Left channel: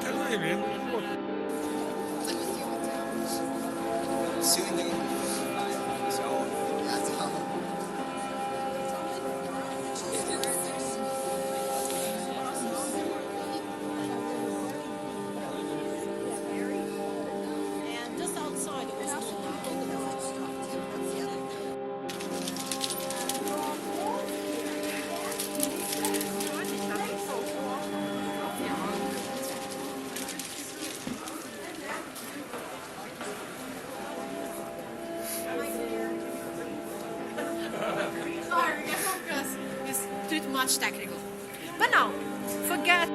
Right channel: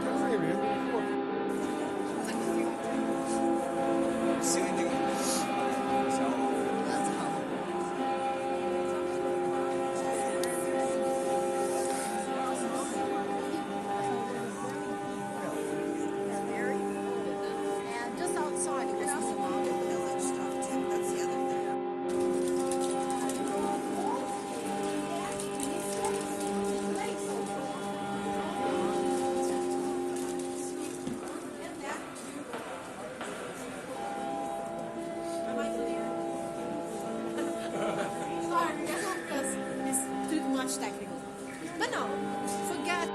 fratello viene. Much technical. But now, forget.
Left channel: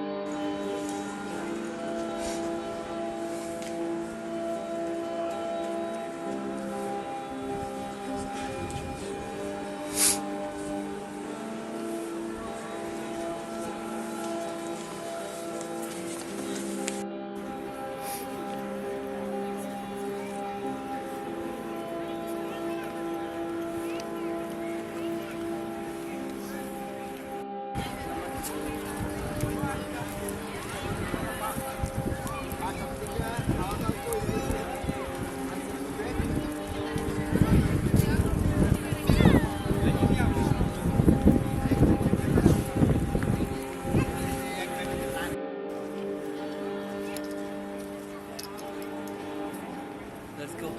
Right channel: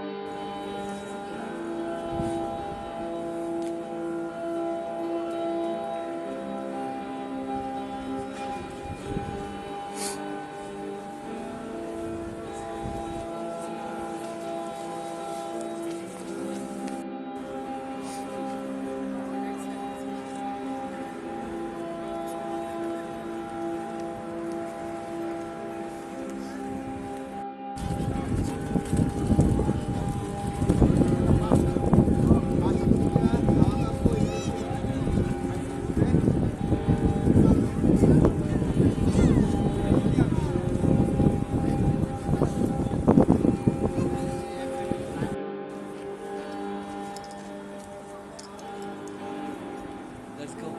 Let's go.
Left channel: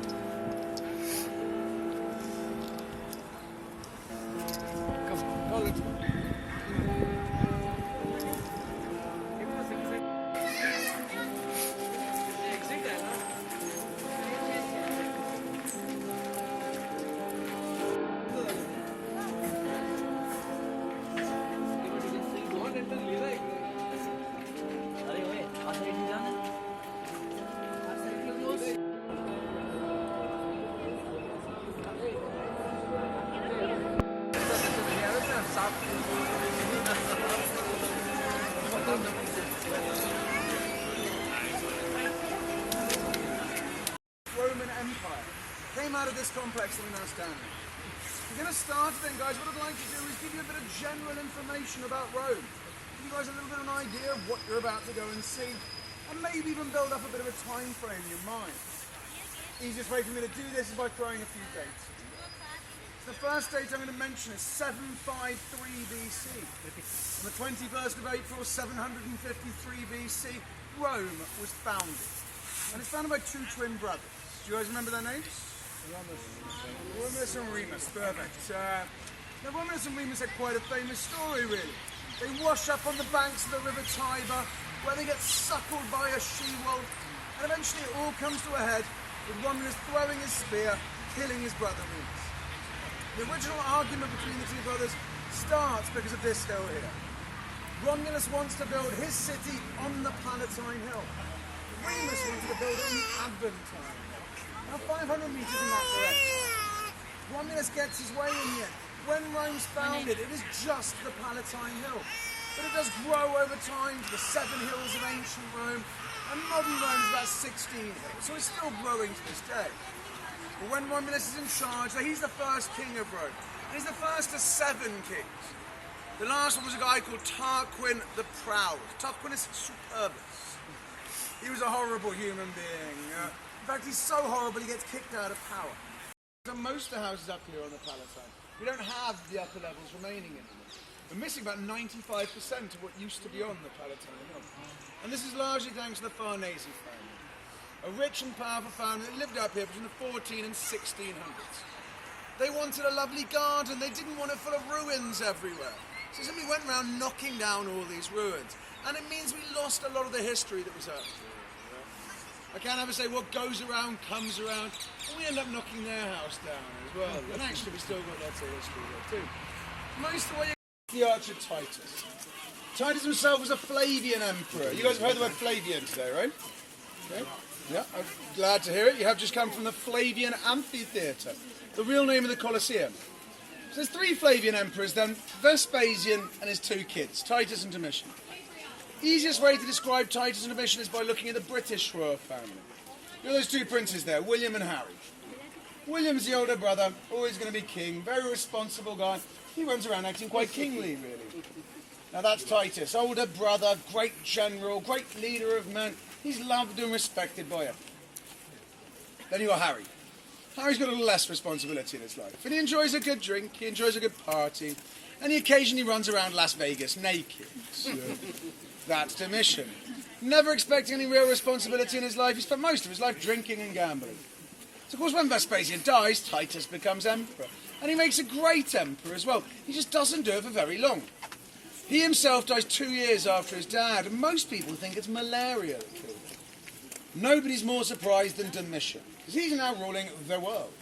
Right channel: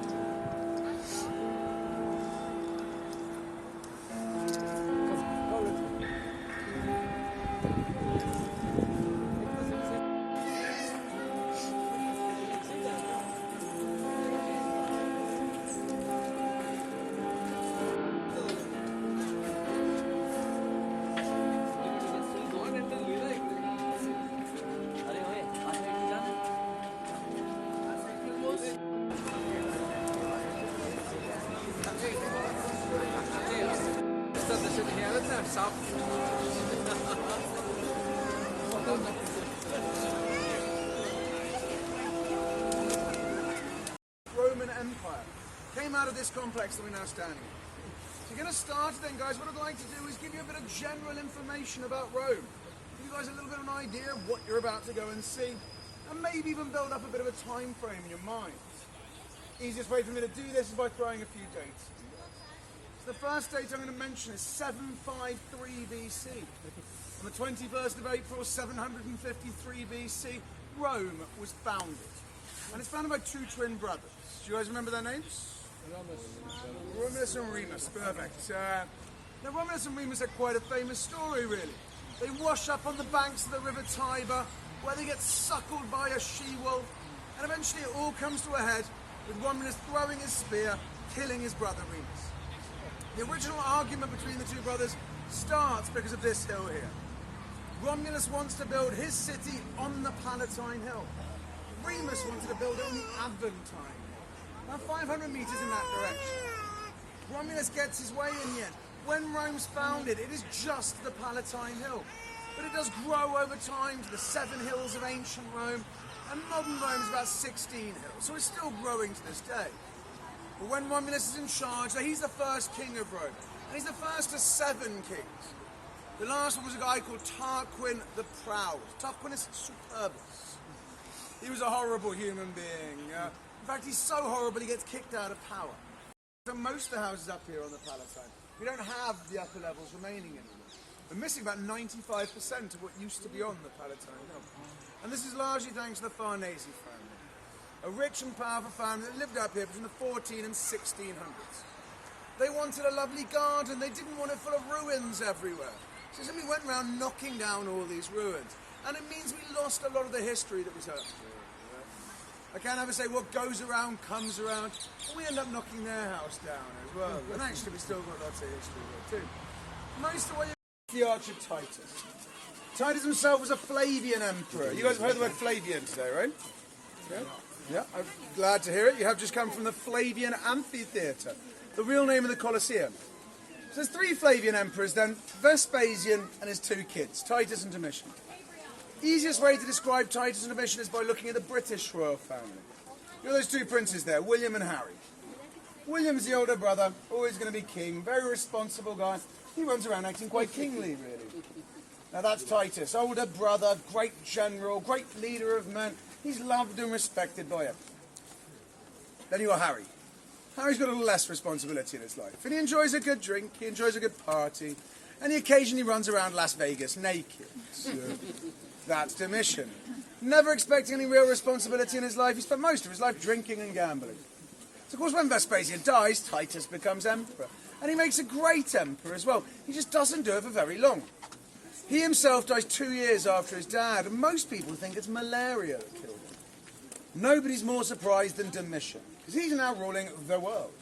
Roman Empire came out of this complex that we're now standing in. We're going to start then, guys. What I'd like to do is give you a bit of general information about Rome. Give you guys a little bit of an idea of what you're about to go and see, and maybe even build up a bit of a time frame in your mind. Easiest way for me to do this is by throwing a few dates. So the first date I'm going to mention is 753 BC. On the 21st of April, 753 BC, Rome was founded. And it's founded by two twin brothers. Do you guys remember their names? Romulus and Remus, perfect. Now Romulus and Remus had quite a famous story, really. They wash up on the banks of the river Tiber, where they get suckled by a she-wolf, and eventually it all comes to a head with Romulus throwing his spear, killing his brother Remus. The original argument between the two brothers starts because of this hill here. Romulus wants to build his city on the Palatine Hill. Remus wanted to build it on the Aventine Hill. Now 500 meters in that direction. Romulus gets his way in the end. When Rome's founded, it is just the Palatine Hill. But it does grow over time to the 7 hills of ancient Rome, and modern Rome is about 16 hills, so it's still growing to this day. But when Romulus is in charge, he's the first king of Rome. He's the first of 7 kings. The last one was a guy called Tarquin the Proud. Tarquinius Superbus. He was a horrible human being. In fact, he's so horrible he gets kicked out of power. So most of the houses up here on the Palatine, we don't have the upper levels remaining anymore. We're missing about 95% of what used to be on the Palatine Hill. And this is largely thanks to the Farnese family, a rich and powerful family that lived up here between the 14 and 1600s. They wanted a lovely garden. They didn't want it full of ruins everywhere. So simply went around knocking down all these ruins. And it means we lost a lot of the history that was up here. I can't ever say what goes around comes around. And we end up knocking their house down as well. And actually we still got lots of history there too. Most of the way the archer Titus. Titus himself was a Flavian emperor. You guys have heard the word Flavian today, right? Yeah, I'm glad to hear it. You have just come from the Flavian Amphitheater, the real name of the Colosseum. So there's 3 Flavian emperors then, Vespasian and his 2 kids, Titus and Domitian. Easiest way to describe Titus and Domitian is by looking at the British royal family. You know those 2 princes there, William and Harry. William's the older brother, always going to be king, very responsible guy. He runs around acting quite kingly, really. Now that's Titus, older brother, great general, great leader of men. He's loved and respected by him. Then you got Harry. Harry's got a little less responsibility in his life. And he enjoys a good drink, he enjoys a good party, and he occasionally runs around Las Vegas naked. So that's Domitian. Never expecting any real responsibility in his life, he spent most of his life drinking and gambling. So of course when Vespasian dies, Titus becomes emperor. And he makes a great emperor as well. He just doesn't do it for very long. He himself dies 2 years after his dad, and most people think it's malaria that killed him. Nobody's more surprised than Domitian, because he's now ruling the world.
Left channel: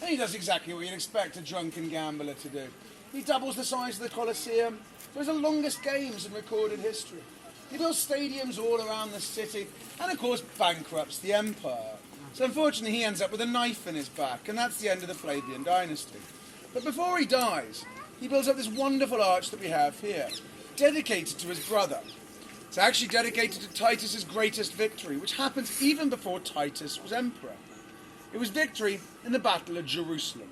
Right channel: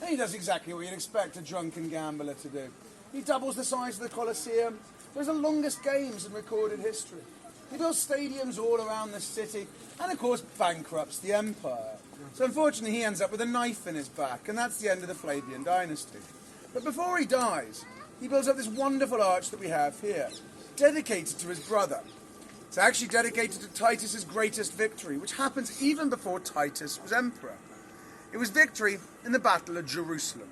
And he does exactly what you'd expect a drunken gambler to do. He doubles the size of the Colosseum. There's the longest games in recorded history. He builds stadiums all around the city, and of course bankrupts the empire. So unfortunately he ends up with a knife in his back, and that's the end of the Flavian dynasty. But before he dies, he builds up this wonderful arch that we have here, dedicated to his brother. It's actually dedicated to Titus's greatest victory, which happens even before Titus was emperor. It was victory in the Battle of Jerusalem.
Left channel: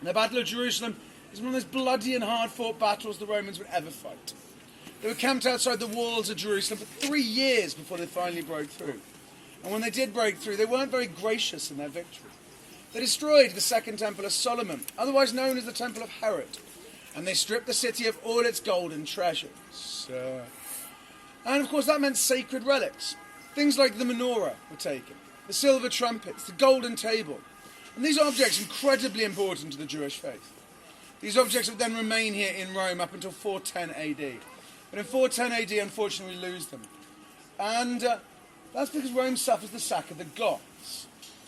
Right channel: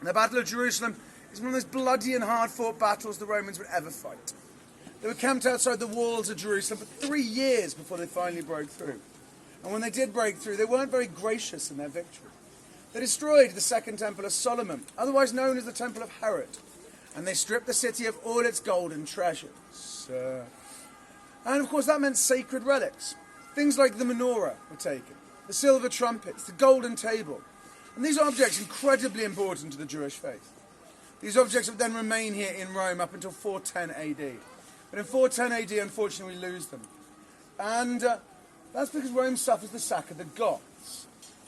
And the Battle of Jerusalem is one of those bloody and hard-fought battles the Romans would ever fight. They were camped outside the walls of Jerusalem for 3 years before they finally broke through. And when they did break through, they weren't very gracious in their victory. They destroyed the Second Temple of Solomon, otherwise known as the Temple of Herod, and they stripped the city of all its gold and treasures. And of course that meant sacred relics. Things like the menorah were taken, the silver trumpets, the golden table. And these objects incredibly important to the Jewish faith. These objects would then remain here in Rome up until 410 AD. But in 410 AD, unfortunately, we lose them. And that's because Rome suffers the sack of the Goths.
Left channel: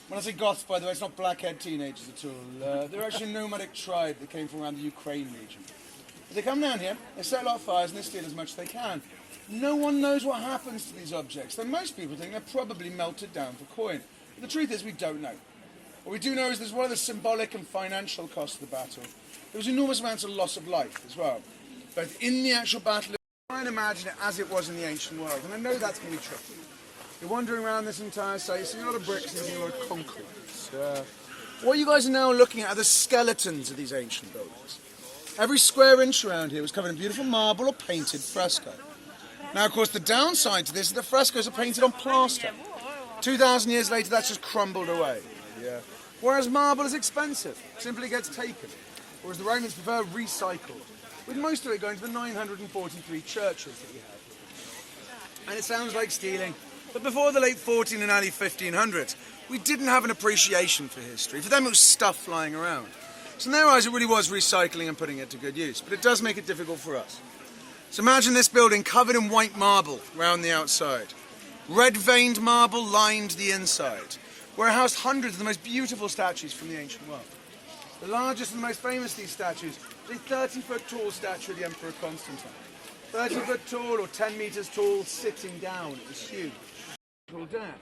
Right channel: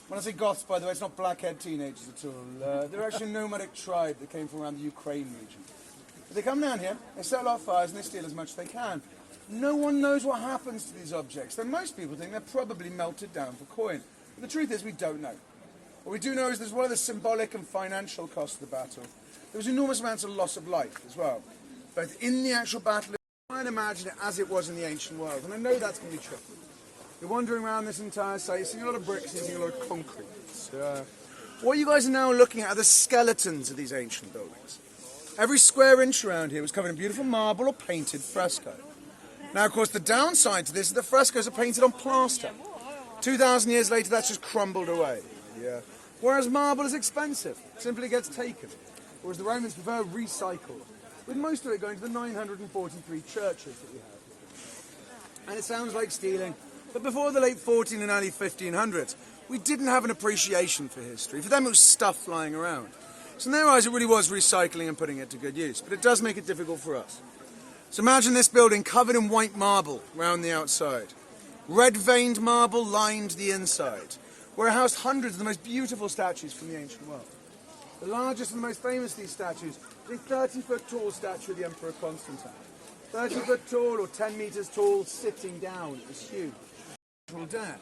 When I say Goths, by the way, it's not black-haired teenagers at all. They're actually a nomadic tribe that came from around the Ukraine region. But they come down here, they set a lot of fires, and they steal as much as they can. No one knows what happens to these objects, though most people think they're probably melted down for coin. But the truth is, we don't know. What we do know is there's one of the symbolic and financial costs of the battle. There was enormous amounts of loss of life as well, both in the actual battle. Try and imagine it as it was in the ancient world, and I know that's going to be tricky. You're wandering around this entire site, you see a lot of bricks and a lot of concrete. What you guys are now looking at are the skeletons of these ancient buildings. Every square inch around here was covered in beautiful marble or painted fresco. Now, of course, the downside to this is the frescoes are painted on plaster. 2,000 years later, that's just crumbled away. Whereas marble is expensive, simply gets taken. Whereas the Romans prefer recycled, with most of it going to the 943 churches that we have. And it sounds like stealing, but before the late 14 and early 1500s, we didn't have an appreciation for history. For them, it was stuff flying around. So in their eyes, it really was recycling and putting it to good use, but it does make it difficult for us. So imagine this building covered in white marble around the outside. Red-veined marble lined the inside, where it housed hundreds of the most beautiful statues from the ancient world. The largest and most famous of these statues is a 30-foot-tall statue of the Emperor Constantine. 30-foot tall or 10 metres tall, sitting down. It was huge. Dad.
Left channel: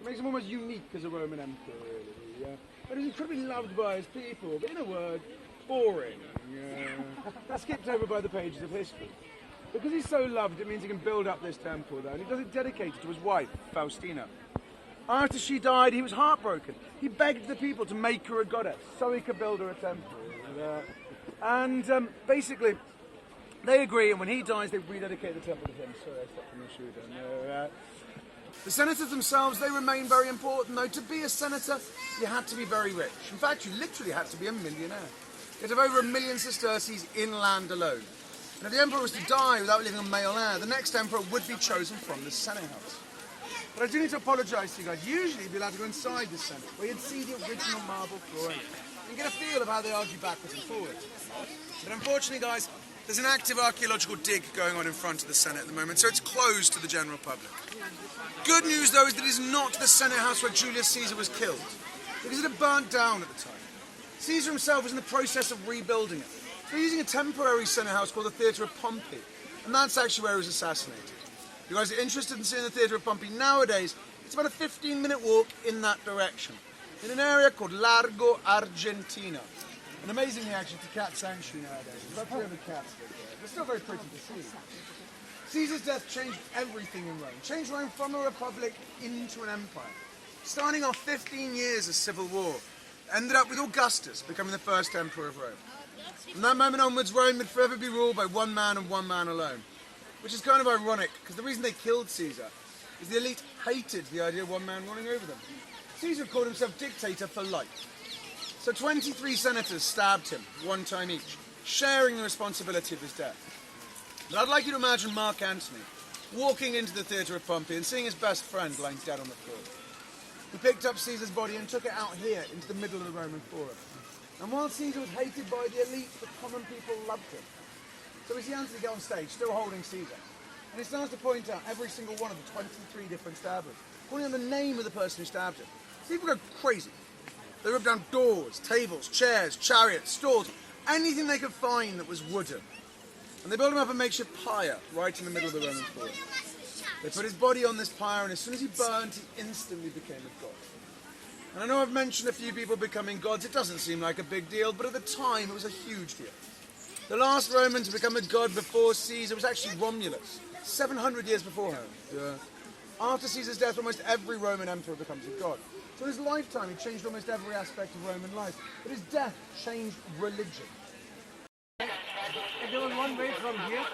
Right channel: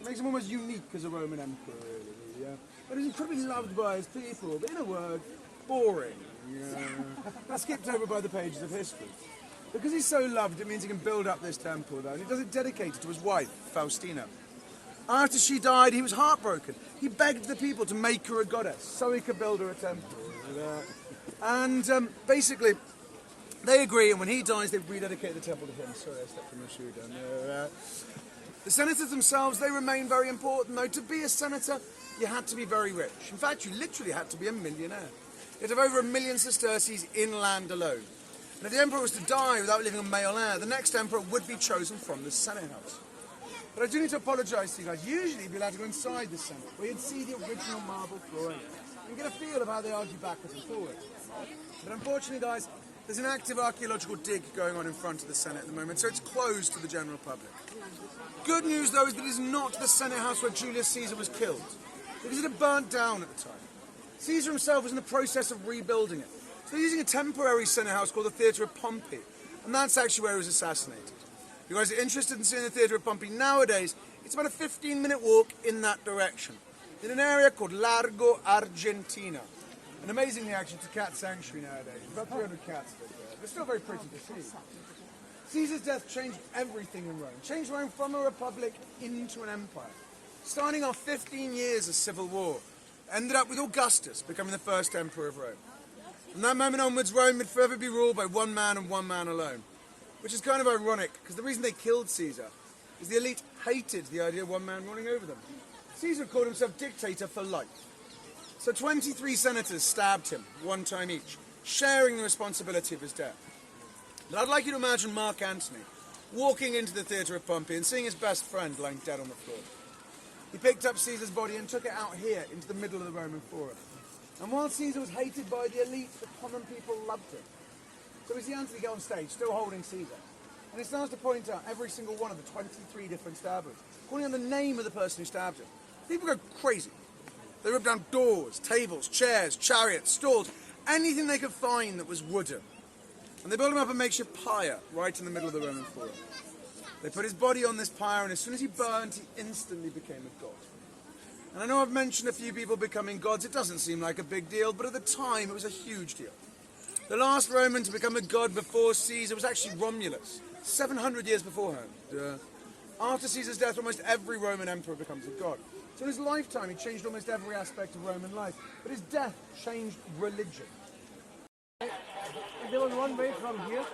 It makes him almost unique as a Roman emperor, really. Yeah. But he's incredibly loved by his people, but in a word, boring. Yeah. That's skipped over by the pages of history. Because he's so loved, it means he can build up this temple, though, and he does it dedicated to his wife, Faustina. After she died, he was heartbroken. He begged the people to make her a goddess, so he could build her a temple. Basically, they agree, and when he dies, they rededicate the temple to him. Sorry, I stepped on my shoe down there. The senators themselves, they remain very important, though. To be a senator, you had to be very rich. In fact, you literally had to be a millionaire. You had to have over 1 million sesterces in land alone. And if the emperor was to die without leaving a male heir, the next emperor would be chosen from the Senate house. But I do need to apologise to you guys. Usually you'd be allowed to go inside the Senate, where you'd see the original marble flooring and get a feel of how they argue backwards and forwards. But unfortunately, guys, there's an active archaeological dig going on in front of the Senate at the moment, so it's closed to the general public. Good news, though, is that it is not the Senate house where Julius Caesar was killed, because it had burnt down at the time. Caesar himself was in the process of rebuilding it. So they're using a temporary Senate house called the Theatre of Pompey, and that's actually where he was assassinated. If you guys are interested in seeing the Theatre of Pompey nowadays, it's about a 15-minute walk in that direction, in an area called Largo Argentina. And amazingly, actually, it's a cat sanctuary nowadays. There's about 300 cats there. They're still very pretty to see. Caesar's death changed everything in Rome. Changed Rome from a republic into an empire. Starting off 15 years of civil war, ended up with Augustus becoming the first emperor of Rome. From that moment onwards, Rome would forever be ruled by one man and one man alone. Which is kind of ironic, because the reason they killed Caesar is the elite hated the idea of one man running over them. Caesar called himself dictator for life. So 23 senators stabbed him, one time each, sharing the responsibility of his death. But I'd like you to imagine Mark Antony walking into the theatre of Pompey and seeing his best friend lying dead on the floor. He picked up Caesar's body and took it out here into the middle of the Roman Forum. And while Caesar was hated by the elite, the common people loved him. So we see Antony get on stage, still holding Caesar. And he starts to point out every single one of the 23 different stabbers, calling out the name of the person who stabbed him. People go crazy. They ripped down doors, tables, chairs, chariots, stalls, anything they could find that was wooden. And they built him up a makeshift pyre right in the middle of the Roman Forum. They put his body on this pyre, and as soon as he burned, he instantly became a god. And I know I've mentioned a few people becoming gods. It doesn't seem like a big deal, but at the time it was a huge deal. The last Roman to become a god before Caesar was actually Romulus, 700 years beforehand. After Caesar's death, almost every Roman emperor becomes a god. So in his lifetime, he changed almost every aspect of Roman life. But his death changed religion. Going one way from here.